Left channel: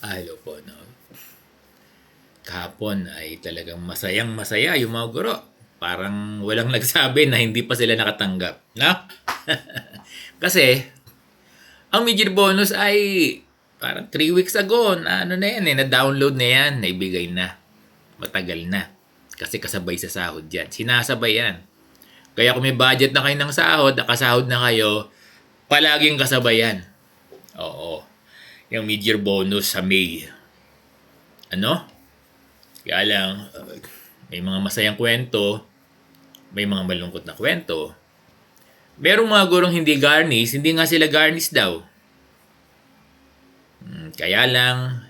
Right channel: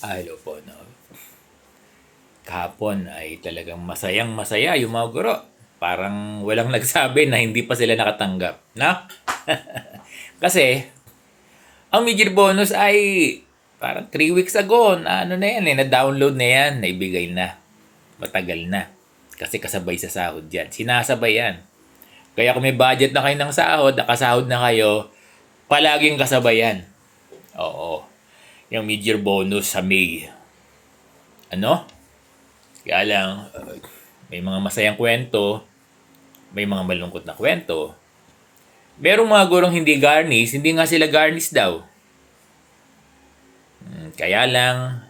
Hello po, no. Kahapon ay talagang masayang masaya yung mga guro. Parang walang nagsabi na hindi pa sila nakatanggap. Na? Kasi, ang major bonus ay parang 3 weeks ago na ano na yan na-download na yan, naibigay na. Matagal na. Kasi kasabay sa sahod yan. Sinasabay yan. Kaya kung may budget na kayo ng sahod, nakasahod na kayo, palaging kasabay yan. Oo. Yung major bonus sa May. Ano? Kaya lang, may mga masayang kwento, may mga malungkot na kwento. Merong mga gurong hindi garnish, hindi nga sila garnish daw. Kaya lang,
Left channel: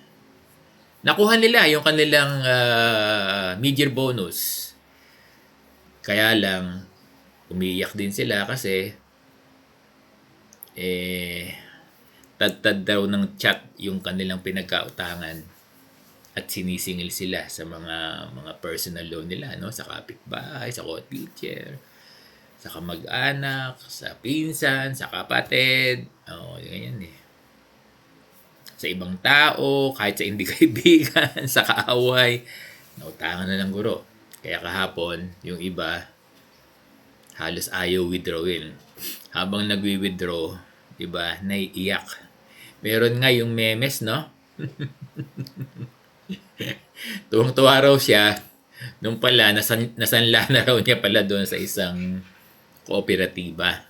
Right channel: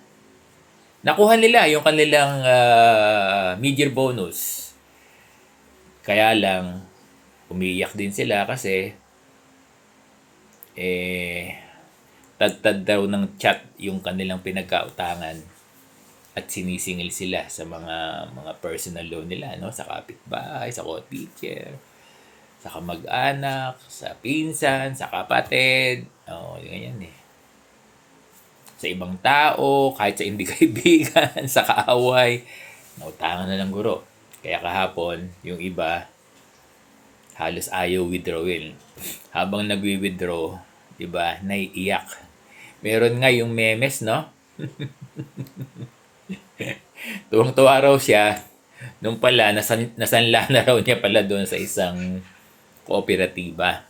nakuha nila yung kanilang mid-year bonus. Kaya lang, umiiyak din sila kasi tad-tad daw ng chat yung kanilang pinagkautangan at sinisingil sila sa mga personal loan nila, no, sa kapitbahay, sa co-teacher, sa kamag-anak, sa pinsan, sa kapatid. Ganyan eh. Sa ibang tao, kahit sa hindi kaibigan, sa kaaway, nautangan na ng guro. Kaya kahapon, yung iba, halos ayaw withdrawin. Habang nagwi-withdraw, iba, naiiyak. Meron nga yung memes, no? Tuwang-tuwa raw siya nung pala nasanla na raw niya pala doon sa isang kooperatiba.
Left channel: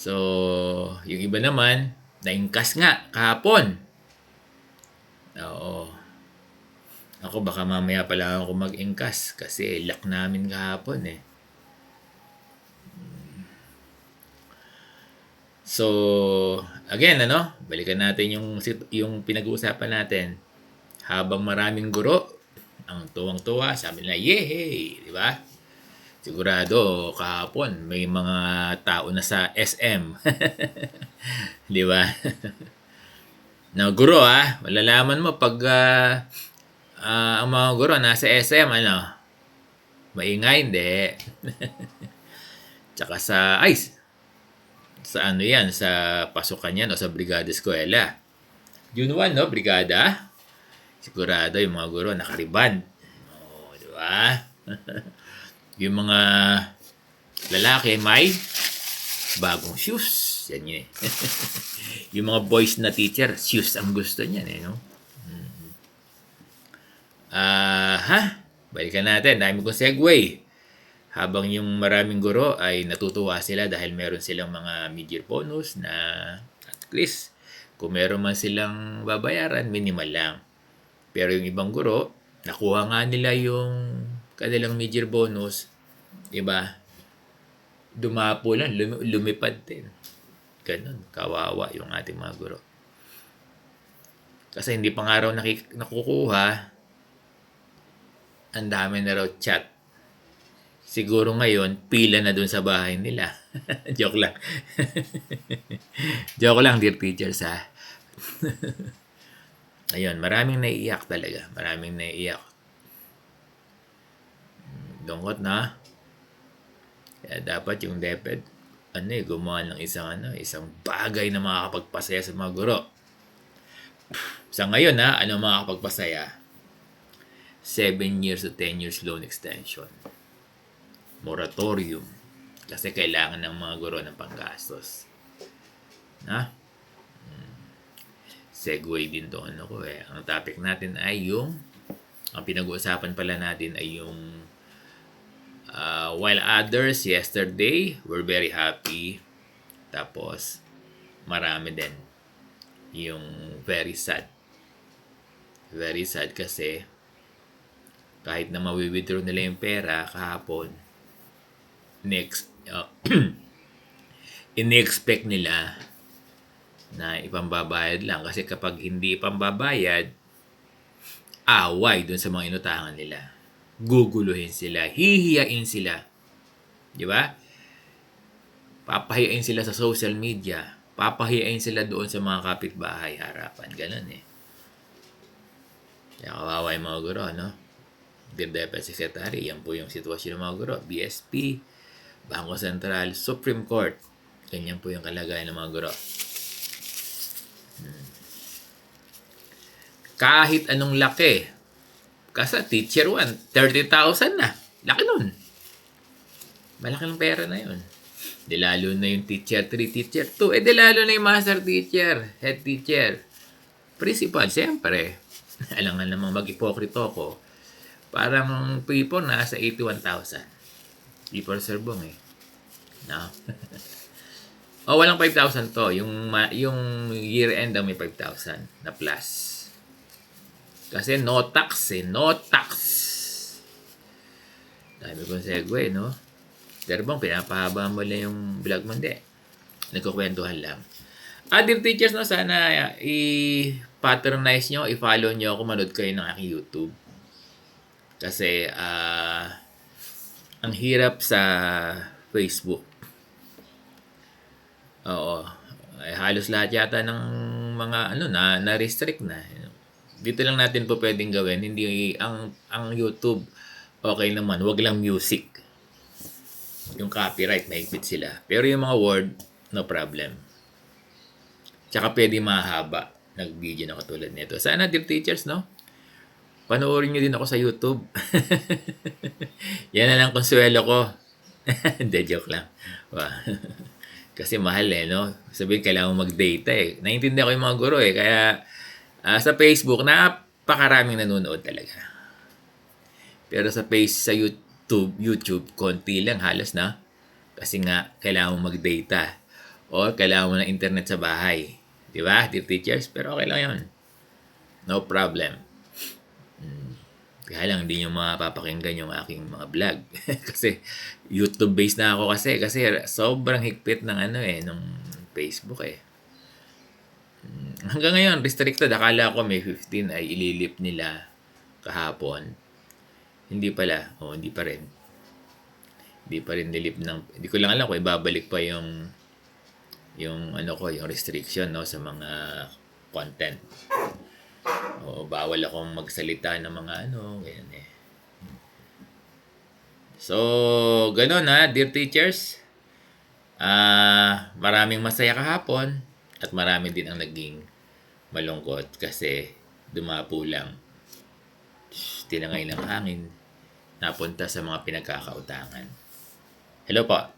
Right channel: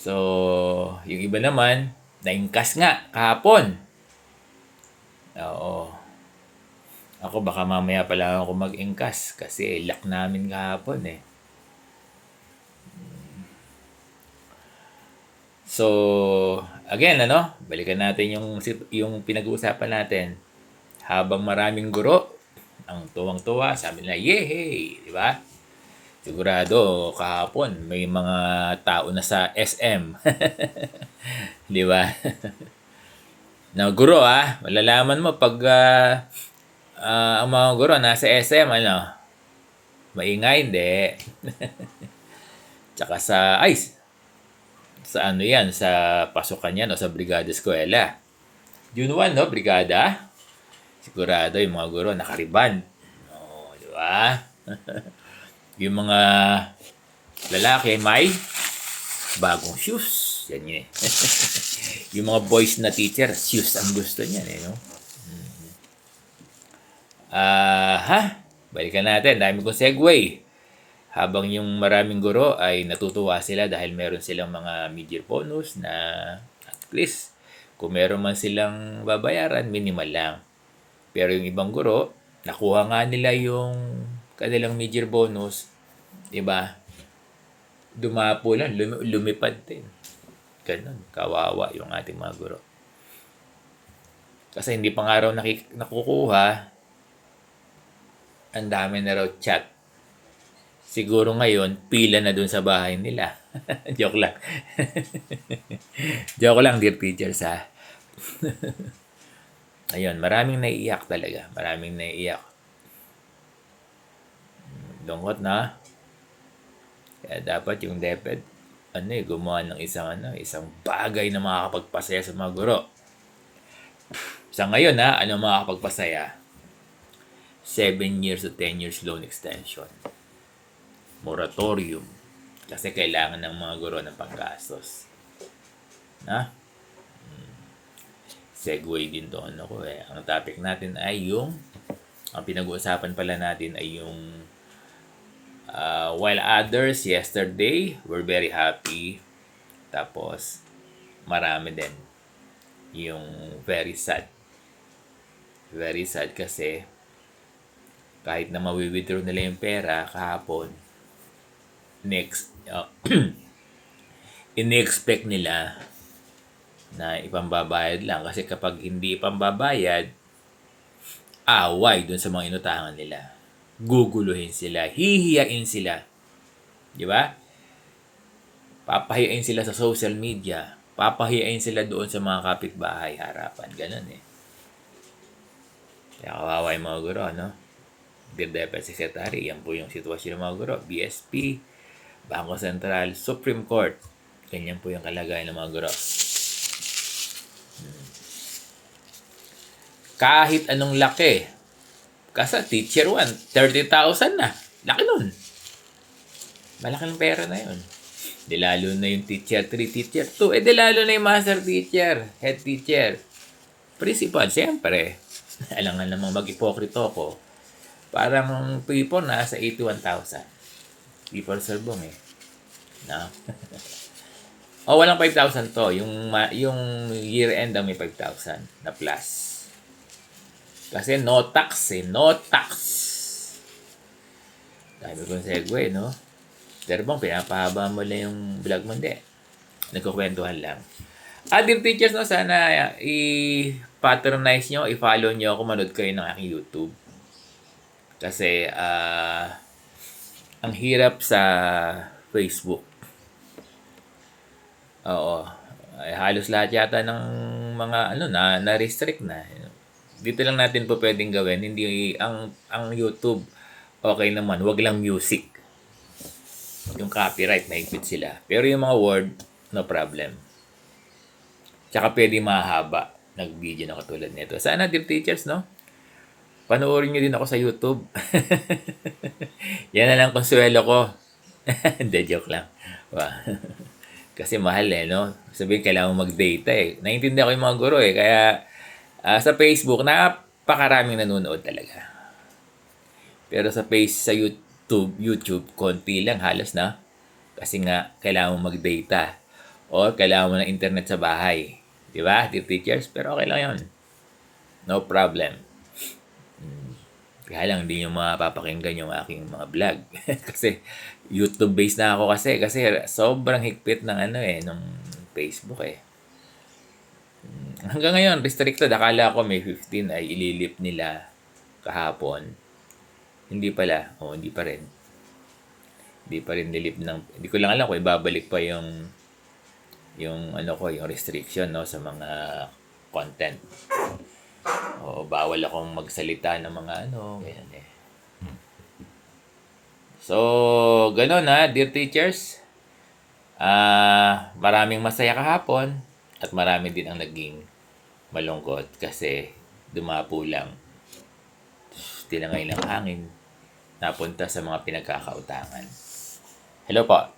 So, yung iba naman, naingkas nga kahapon. Oo. Ako baka mamaya pala ako mag-ingkas kasi luck namin kahapon eh. So, again, balikan natin yung pinag-uusapan natin. Habang maraming guro, ang tuwang-tuwa, sabi nila, yehey! Di ba? Sigurado, kahapon, may mga tao na sa SM. Di ba? Na guro, malalaman mo pag ang mga guro nasa SM, maingay, hindi. Tsaka sa ano yan, sa pasukan yan o sa brigada eskwela. June 1, no, brigada. Sigurado yung mga guro nakariban. Di ba? Yung mga lalaki may bagong shoes. Yan yun eh. Yung mga boys na teacher, shoes ang gusto niyan eh, no? Balikan natin. Dami kong segue. Habang yung maraming guro ay natutuwa sila dahil meron silang mga mid-year bonus na at least kung meron man silang babayaran, minimal lang. Pero yung ibang guro, nakuha nga nila yung kanilang mid-year bonus, di ba? Dumapo lang, lumipad din. Ganun, kawawa yung ating mga guro. Kasi hindi pa nga raw nakukuha, ang dami na raw chat. Siguro ngayon, pila na dun sa bahay nila. Joke lang. Joke lang, dear teachers, ha. Ayun, maraming naiiyak talaga. Maraming naiiyak. Lungkot na. Kaya dapat yung DepEd, gumawa ng isang bagay na makakapagpasaya sa mga guro. Sa ngayon, ano makakapagpasaya? 7 years to 10 years loan extension. Moratorium. Kasi kailangan ng mga guro ng panggastos. Segue din doon ako eh. Ang topic natin ay ang pinag-uusapan pala natin ay yung while others yesterday were very happy, tapos marami din yung very sad. Very sad kasi kahit na mawi-withdraw nila yung pera kahapon, in-expect nila na ipambabayad lang kasi kapag hindi ipambabayad, away dun sa mga inutangan nila. Guguluhin sila, hihiyain sila. Di ba? Papahiyain sila sa social media. Papahiyain sila doon sa mga kapitbahay harapan. Ganun eh. Kaya kawawa yung mga guro, no? Dear Deputy Secretary, yan po yung sitwasyon ng mga guro. BSP, Bangko Sentral, Supreme Court. Ganyan po yung kalagayan ng mga guro. Kahit anong laki. Kasi teacher 1, 30,000 na. Laki nun. Malaking pera na yun. Di lalo na yung teacher 3, teacher 2. Di lalo na yung master teacher, head teacher, principal, siyempre. Alam nga namang mag-ipokrito ko. Parang people nasa 81,000. People serbong eh. No? Walang 5,000 to. Yung year end ang may 5,000 na plus. Kasi no tax eh. No tax. Dami kong segue, no? Serbong, pinapahaba mo lang yung vlog mo. Hindi. Nagkukwentuhan lang. Dear teachers, no, sana i-patronize nyo, i-follow nyo ako, manood kayo ng aking YouTube. Kasi, ang hirap sa Facebook. Oo. Ay, halos lahat yata ng mga na-restrict na. Dito lang natin po pwedeng gawin. Hindi ang YouTube okay naman, wag lang music. Yung copyright mahigpit sila. Pero yung mga word, no problem. Tsaka pwede mahaba nag-video na katulad nito. Sana dear teachers, no? Panoorin nyo din ako sa YouTube. Yan na lang konsuelo ko. Hindi, joke lang. Kasi mahal no? Sabihin, kailangan mag-data Naiintindihan ko yung mga guro Kaya sa Facebook, napakaraming nanonood talaga. Pero sa YouTube, konti lang halos na. Kasi nga, kailangan mo mag-data. O kailangan mo ng internet sa bahay. Di ba, dear teachers? Pero okay lang yun. No problem. Kaya lang, hindi nyo mapapakinggan yung aking mga vlog. Kasi, YouTube-based na ako kasi sobrang higpit ng nung Facebook Hanggang ngayon, restricted. Akala ko may 15 ay ililip nila kahapon. Hindi pala. Hindi pa rin. Hindi pa rin nilip ng... Hindi ko lang alam kung ibabalik pa yung yung restriction sa mga content. Bawal akong magsalita ng mga ganyan So, ganun dear teachers. Maraming masaya kahapon at marami din ang naging malungkot kasi dumapo lang. Tinangay ng hangin napunta sa mga pinagkakautangan. Hello po.